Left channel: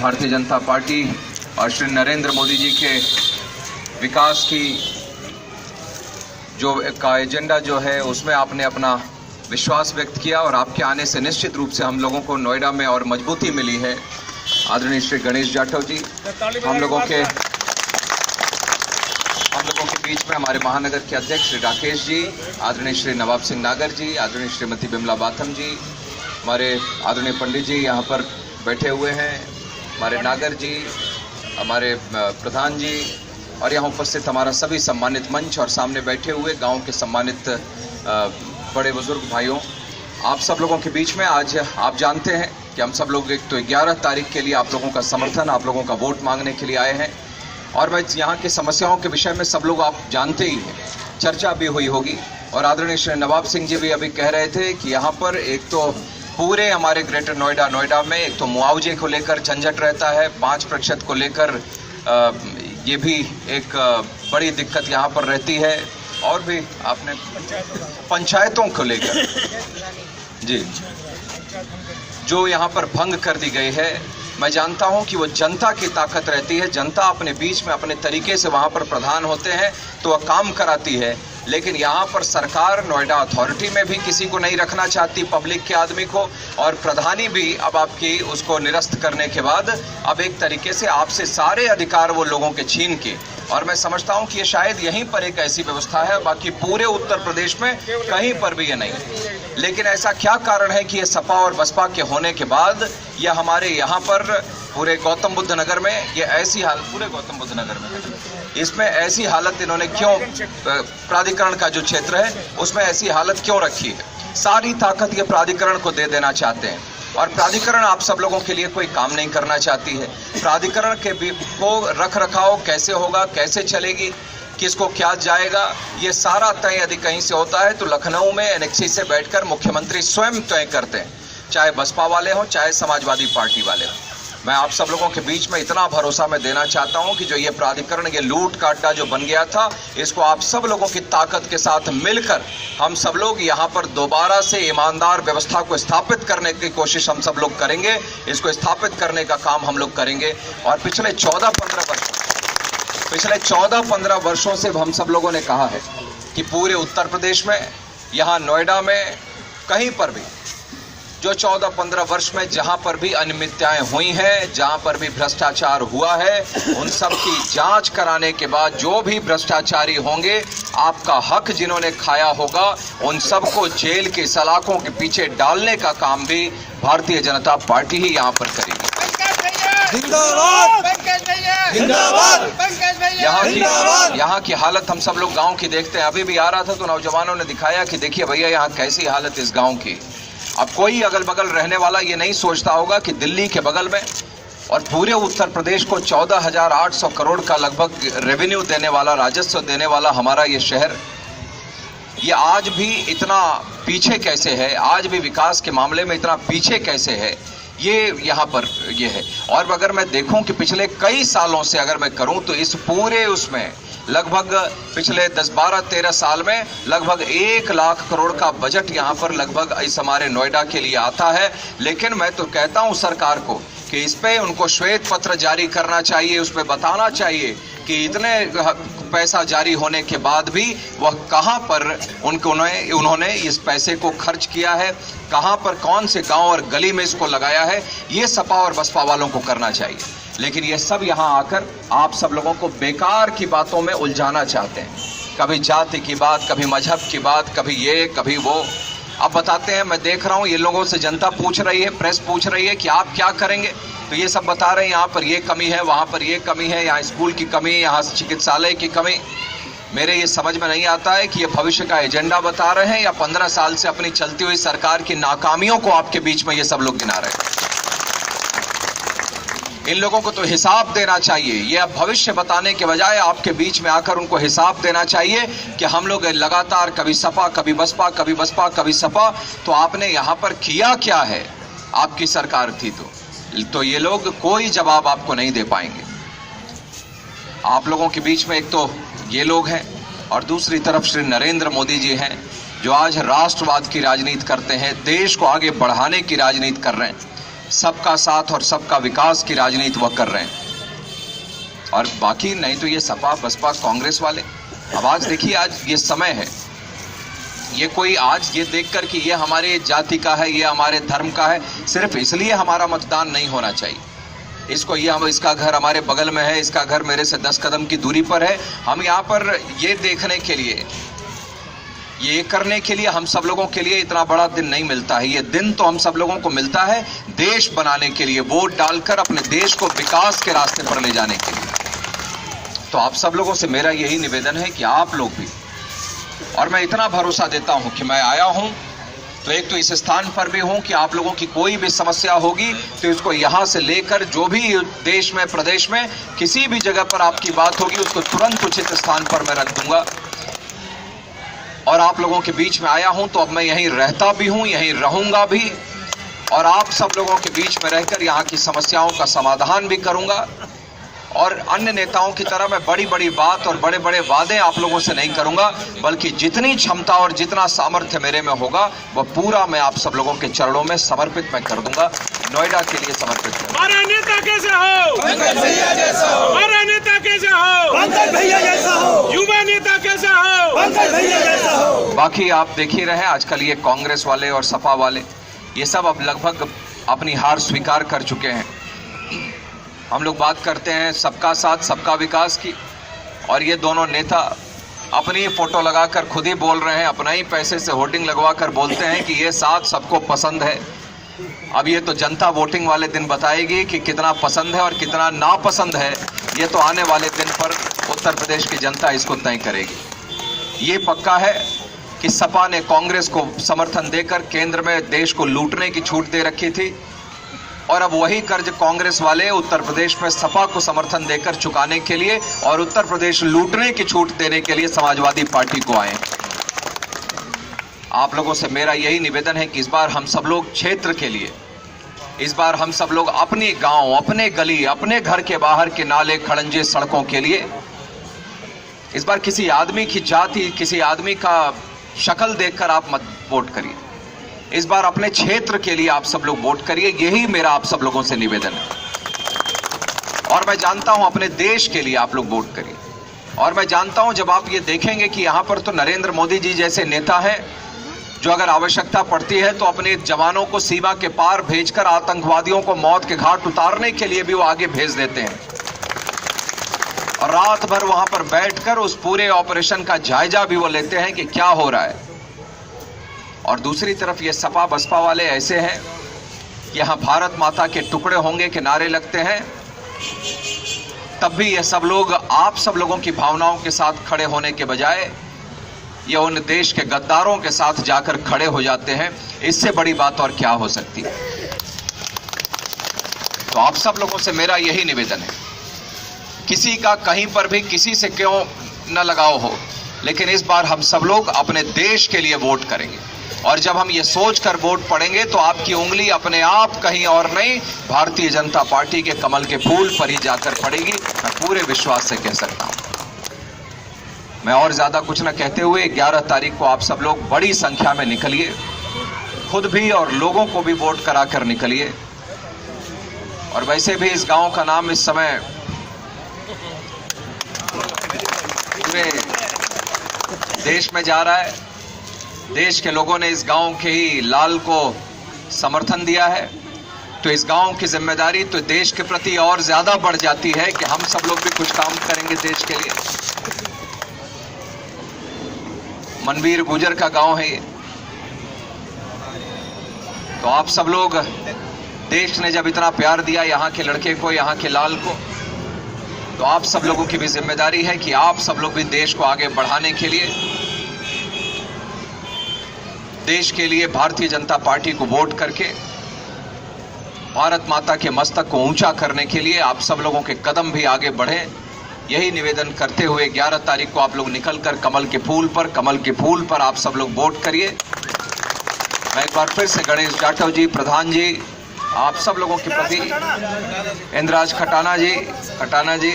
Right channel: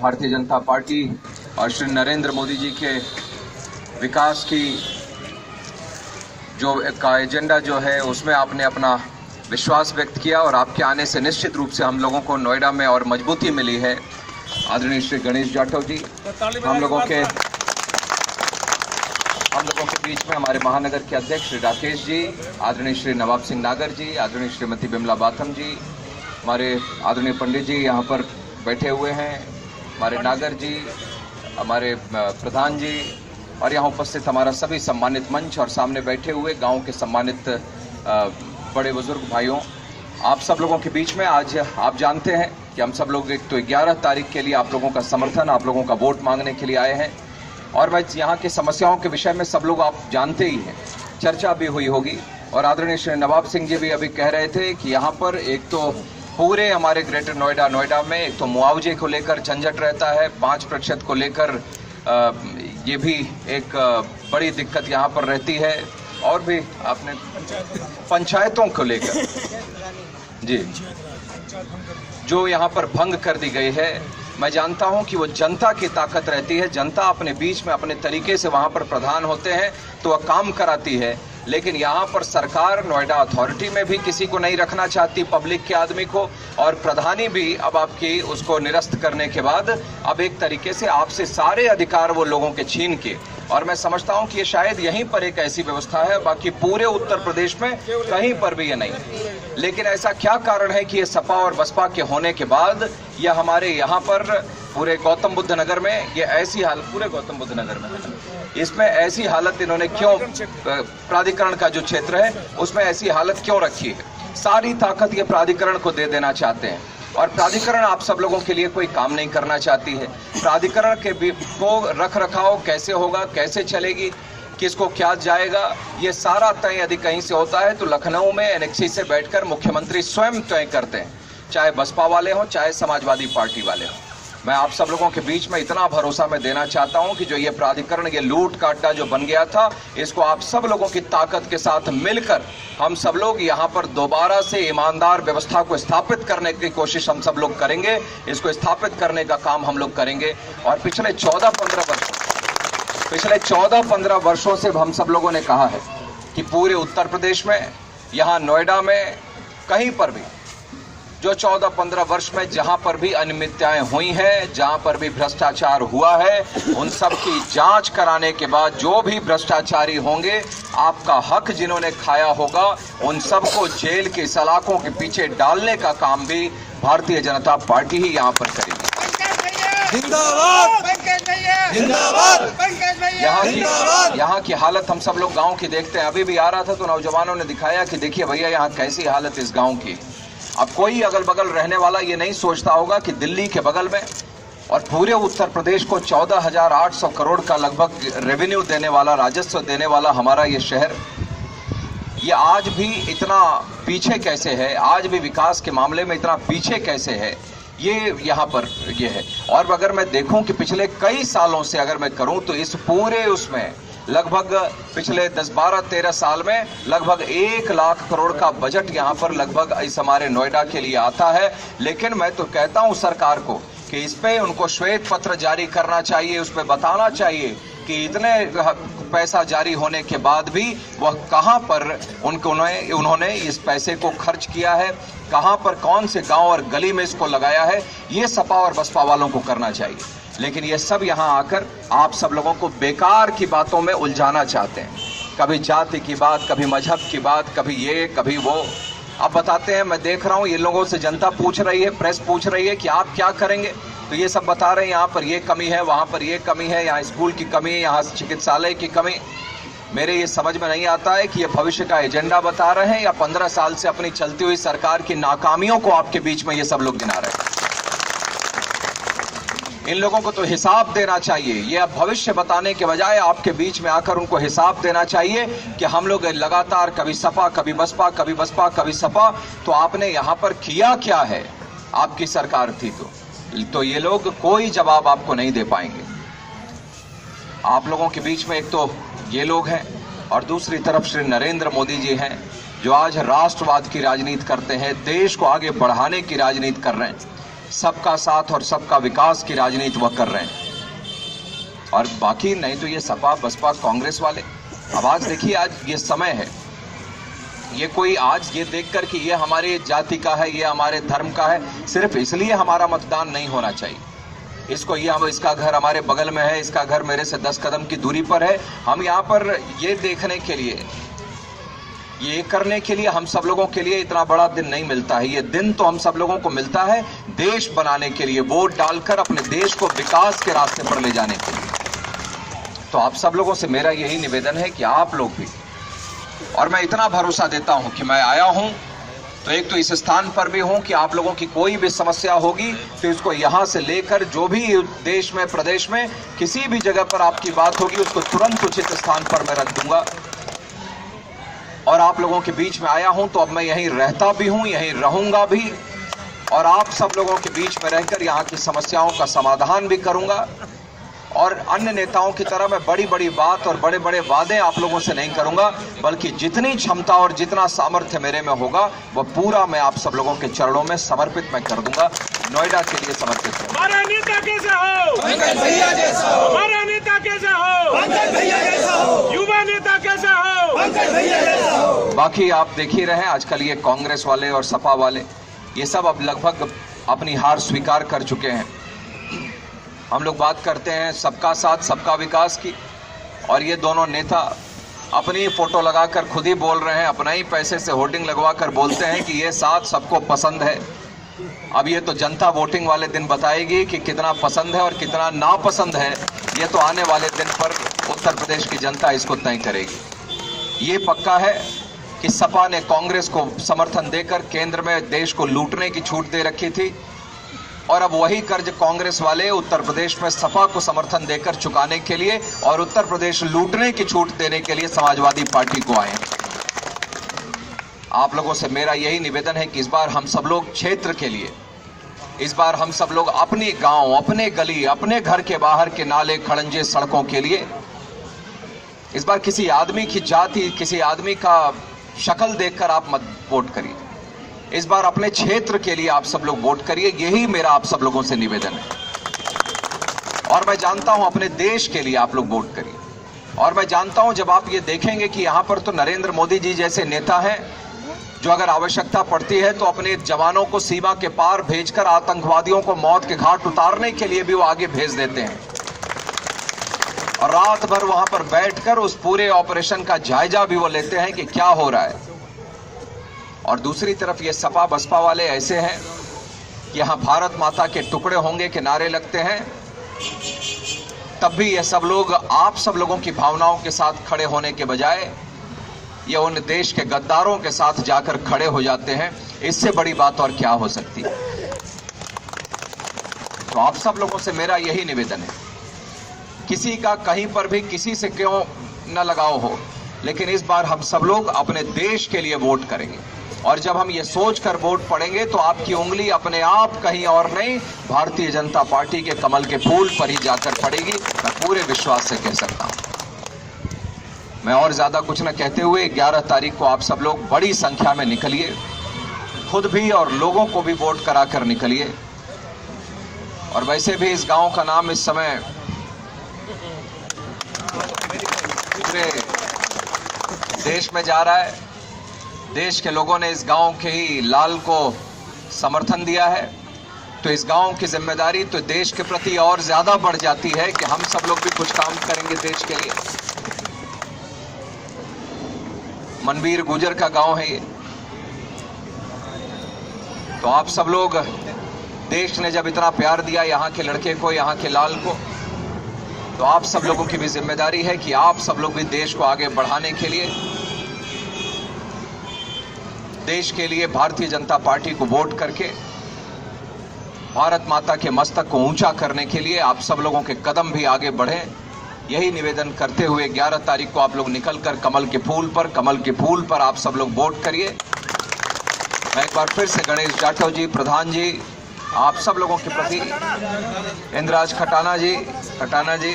Bharatiya Janata party और श्री नरेंद्र मोदी जी के विकास की जो का एजेंडा जो है उसमें आपने अपना विश्वास व्यक्त किया और आपके आने से निश्चित रूप से हम लोगों को नोएडा में और मजबूती मिली है। आदरणीय श्री गणेश जाटव जी, हम लोगों के बीच में हमारे महानगर के अध्यक्ष श्री राकेश जी, आदरणीय श्री नवाब सिंह नागर जी, आदरणीय श्रीमती बिमला बाथम जी, हमारे आदरणीय पंडित जी यहाँ पर बैठे हुए हैं, हमारे नागर जी, हमारे प्रधान जी और यहाँ उपस्थित हमारा सभी सम्मानित मंच और सामने बैठे हुए गांव के सम्मानित बड़े बुजुर्ग भाइयों, आप सब लोगों के बीच में आज आप जानते हैं कि हम सब लोग एक तो 11 तारीख के लिए आप लोगों का समर्थन, आप लोगों का वोट मांगने के लिए आए हैं और मैं यहाँ की समस्याओं के विषय में सब लोग आप जानते ही हैं, चर्चा भी हुई होगी। और आदरणीय श्री नवाब सिंह जी भी अभी कह रहे थे कि यहाँ पर एक तो पूरे हमारे ग्रेटर नोएडा में एक तो मुआवजे को लेकर झंझट रहता है, 5% को लेकर ये भी एक बड़ी दिक्कत यहाँ पर रहती है और भी आपने पंचायतों को लेकर जी जो यहाँ पर भंग कर दी गई है। मैं जानता हूं कि वो जनता की ताकत रहती है, जनता अपने बीच में अपने तरीके से वहां पर प्रधान होते हैं तो वह काम कराती है, लेकिन यहाँ पर सरकार नोएडा अथॉरिटी में भी किसी को नहीं रखना चाहती, पब्लिक के आदमी को, और प्रधानी भी अब आपकी उसको निरस्त करने के बाद अब एक तरीके से आपसे सारे अधिकार वो लोगों के छीन के, और मैं समझता हूं कि ये शायद यहीं पर एक ऐसी व्यवस्था है, बाकी पूरे उत्तर प्रदेश में कहीं पर भी ये नहीं। लेकिन ऐसा क्या कारण है कि ये सपा और बसपा के होने के बाद यह हमारे यहाँ पर पूरे गौतम बुद्ध नगर में ये ऐसी हालत, पूरे गौतम बुद्ध नगर में इसमें ऐसी हालत इन्होंने क्यों, प्राधिकरण का जो क्षेत्र है उसमें ऐसी हालत क्यों रखी है? सारी ताकत ये प्राधिकरण को दे देना चाहते हैं और प्राधिकरण आप सब लोगों के लिए कोई काम नहीं करना चाहती है। प्राधिकरण के को रख रखाव कैसे होगा, कैसे चलेगी, किसको क्या जाएगा, ये सारा तय यदि कहीं से होता है तो लखनऊ में एनेक्सी से बैठकर मुख्यमंत्री स्वयं तय करते हैं, चाहे बसपा वाले हों चाहे समाजवादी पार्टी वाले हों। मैं आप सब लोगों के बीच में इतना भरोसा मैं देना चाहता हूं कि जो ये प्राधिकरण, ये लूट काटा जो बन गया था, इसको आप सब लोगों की ताकत के साथ मिलकर हम सब लोग यहाँ पर दोबारा से ईमानदार व्यवस्था को स्थापित करने की कोशिश हम सब लोग करेंगे, इसको स्थापित करने का काम हम लोग करेंगे। और पिछले 14-15 वर्षों से हम सब लोगों ने कहा है कि पूरे उत्तर प्रदेश में, यहाँ नोएडा में, कहीं पर भी जो 14-15 वर्ष में जहां पर भी अनियमितताएं हुई हैं, जहां पर भी भ्रष्टाचार हुआ है, उन सब की जांच कराने के बाद जो भी भ्रष्टाचारी होंगे, आपका हक जिन्होंने खाया होगा, उन सबको जेल की सलाखों के पीछे डालने का काम भी भारतीय जनता पार्टी ही यहां पर करेगी। यहाँ की हालत हम सब लोग गांव की देखते हैं। अभी भी आ रहा था तो नौजवानों ने दिखाया कि देखिए भैया यहाँ कैसी हालत इस गांव की। अब कोई अगल बगल रहने वाला ये नहीं सोचता होगा कि दिल्ली के बगल में और पूरे उत्तर प्रदेश को 14,800 करोड़ का लगभग रेवेन्यू देने वाला, राजस्व देने वाला हमारा ये शहर, ये आज भी इतना पीछे कैसे है, आज भी विकास के मामले में इतना पीछे कैसे है, ये यहाँ पर ये है। और अगर मैं देखूं कि पिछले कई सालों से अगर मैं करूं तो इस पूरे उसमें लगभग पिछले 10-12-13 साल में लगभग 1 लाख करोड़ का बजट यहाँ पर लगभग इस हमारे नोएडा के लिए आता है। लेकिन मैं तो कहता हूँ सरकार को कि इस पे उनको श्वेत पत्र जारी करना चाहिए, उसमें बताना चाहिए कि इतने पैसा जारी होने के बाद भी वह कहाँ पर उन्होंने इस पैसे को खर्च किया है, कहाँ पर कौन से गांव और गली में इसको लगाया है, ये सपा और बसपा वालों को करना चाहिए। लेकिन ये सब यहाँ आकर आप सब लोगों को बेकार की बातों में उलझाना चाहते हैं, कभी जाति की बात, कभी मजहब की बात, कभी ये कभी वो। अब बताते हैं, मैं देख रहा हूँ ये लोगों से जनता पूछ रही है, प्रेस पूछ रही है कि आप क्या करेंगे, तो ये सब बता रहे हैं यहाँ पर ये कमी है, वहाँ पर ये कमी है, यहाँ स्कूल की कमी, यहाँ चिकित्सालय की कमी। मेरे ये समझ में नहीं आता है कि ये भविष्य का एजेंडा बता रहे हैं या 15 साल से अपनी चलती हुई सरकार की नाकामियों को आपके बीच में ये सब लोग गिना रहे हैं। इन लोगों को तो हिसाब देना चाहिए। ये अब भविष्य बताने के बजाय आपके बीच में आकर उनको हिसाब देना चाहिए कि हम लोग लगातार कभी सपा, कभी बसपा, कभी बसपा, कभी सपा, तो आपने यहाँ पर किया क्या है? आपकी सरकार थी तो ये लोग कोई जवाब आपको नहीं दे पाएंगे। आप लोगों के बीच में एक तो ये लोग हैं और दूसरी तरफ श्री नरेंद्र मोदी जी हैं, जो आज राष्ट्रवाद की राजनीति करते हैं, देश को आगे बढ़ाने की राजनीति कर रहे हैं। सबका साथ और सबका विकास की राजनीति वह कर रहे हैं। और बाकी नहीं तो ये सपा बसपा कांग्रेस वाले, अब आज देखिए, आज ये समय है, ये कोई आज ये देखकर कि ये हमारे जाति का है, ये हमारे धर्म का है, सिर्फ इसलिए हमारा मतदान नहीं होना चाहिए। इसको ये हम, इसका घर हमारे बगल में है, इसका घर मेरे से 10 कदम की दूरी पर है, हम यहाँ पर ये देखने के लिए, ये करने के लिए हम सब लोगों के लिए इतना बड़ा दिन नहीं मिलता है। ये दिन तो हम सब लोगों को मिलता है देश बनाने के लिए, वोट डालकर अपने देश को विकास के रास्ते पर ले जाने के लिए। तो आप सब लोगों से मेरा यही निवेदन है कि आप लोग भी, और मैं इतना भरोसा देता हूं कि मैं आया हूं तो एक तो इस स्थान पर भी हूं कि आप लोगों की कोई भी समस्या होगी तो इसको यहां से लेकर जो भी देश में, प्रदेश में किसी भी जगह पर आपकी बात होगी उसको तुरंत उचित स्थान पर मैं रख दूंगा। और आप लोगों के बीच में आया हूं तो अब मैं यहीं रहता भी हूं, यहीं रहूंगा भी, और आप सब लोगों के बीच में रहकर यहां की समस्याओं का समाधान भी करूंगा। और अन्य नेताओं की तरह मैं बड़ी बड़ी बात और बड़े बड़े वादे आप लोगों से नहीं करूंगा, बल्कि जितनी क्षमता और जितना सामर्थ्य मेरे में होगा वह पूरा मैं आप सब लोगों के चरणों में समर्पित मैं कर दूंगा, नोएडा के लिए समर्पित करूंगा। हमारा नेता कैसा हो? पंकज भैया जैसा हो। हमारा नेता कैसा हो? पंकज भैया जैसा हो। युवा नेता कैसा हो? पंकज भैया जैसा हो। बाकी आप देख ही रहे हैं आजकल ये कांग्रेस वाले और सपा वाले ये सब अब लगभग अपनी हार स्वीकार कर चुके हैं। हम लोग बात करते हैं सबका साथ सबका विकास की, और ये दोनों नेता अपनी फोटो लगाकर खुद ही बोल रहे हैं, अपना ही पैसे से होर्डिंग लगवाकर बोलते हैं कि ये साथ सबको पसंद है। अब ये तो जनता वोटिंग वाले दिन बताएगी कि कितना पसंद है और कितना नापसंद है, ये तो आने वाले दिन पर उत्तर प्रदेश की जनता इसको तय करेगी। ये पक्का है कि सपा ने कांग्रेस को समर्थन देकर केंद्र में देश को लूटने की छूट दे रखी थी, और अब वही कर्ज कांग्रेस वाले उत्तर प्रदेश में सपा को समर्थन देकर चुकाने के लिए और उत्तर प्रदेश लूटने की छूट देने के लिए समाजवादी पार्टी को आए। आप लोगों से मेरा यही निवेदन है कि इस बार हम सब लोग क्षेत्र के लिए, इस बार हम सब लोग अपनी गांव, अपने गली, अपने घर के बाहर के नाले खड़ंजे सड़कों के लिए, इस बार किसी आदमी की जाति, किसी आदमी का शक्ल देखकर आप मत वोट करिए। इस बार अपने क्षेत्र के लिए आप सब लोग वोट करिए, यही मेरा आप सब लोगों से निवेदन है। और मैं जानता हूं अपने देश के लिए आप लोग वोट करिए। और मैं जानता हूं जब आप ये देखेंगे कि यहां पर तो नरेंद्र मोदी जी जैसे नेता हैं जो अगर आवश्यकता पड़ती है तो अपने जवानों को सीमा के पार भेजकर आतंकवादियों को मौत के घाट उतारने के लिए भी वो आगे भेज देते हैं, और रात भर वहां पर बैठकर उस पूरे ऑपरेशन का जायजा भी वो लेते हैं कि क्या हो रहा है। और दूसरी तरफ ये सपा बसपा वाले ऐसे हैं कि यहाँ भारत माता के टुकड़े होंगे के नारे लगते हैं, तब भी ये सब लोग आप सब लोगों की भावनाओं के साथ खड़े होने के बजाय ये उन देश के गद्दारों के साथ जाकर खड़े हो जाते हैं। इससे बड़ी बात और क्या हो सकती है। तो आप सब लोगों से मेरा यही निवेदन है, किसी का कहीं पर भी किसी से क्यों न लगाव हो, लेकिन इस बार हम सब लोग अपने देश के लिए वोट करेंगे। और जब हम ये सोच कर वोट पड़ेंगे तो आपकी उंगली अपने आप कहीं और नहीं, भारतीय जनता पार्टी के कमल के फूल पर ही जाकर पड़ेगी, मैं पूरे विश्वास से कह सकता हूं। मैं और ज्यादा कुछ न कहते हुए 11 तारीख को आप सब लोग बड़ी संख्या में निकलिए, खुद भी और लोगों को भी वोट कराकर निकलिए। और वैसे भी इस गांव का नाम इस समय पूरे देश में जा रहा है। देश के लोगों ने इस गांव के ही लाल को समर्थन दिया है, तो इस गांव की जिम्मेदारी तो देश के प्रति और ज्यादा बढ़ जाती है कि हम सब लोग भी कुछ काम करेंगे देश के लिए। मनवीर गुजर का गांव है ये, तो आप सब लोग, देश ने जब इतना प्यार दिया यहाँ के लड़के को, यहाँ के लाल को, तो आप सब लोगों की भी जिम्मेदारी है कि आप सब लोग भी देश को आगे बढ़ाने के लिए, देश के लिए भारतीय जनता पार्टी को वोट करके भारत माता के मस्तक को ऊंचा करने के लिए आप सब लोगों के कदम भी आगे बढ़ें। यही निवेदन करते हुए 11 तारीख को आप लोग निकलकर कमल के फूल पर आप सब लोग वोट करिए। मैं एक बार फिर से गणेश जाटव जी, प्रधान जी, आप सब लोगों के प्रति, इंद्राज खटाना जी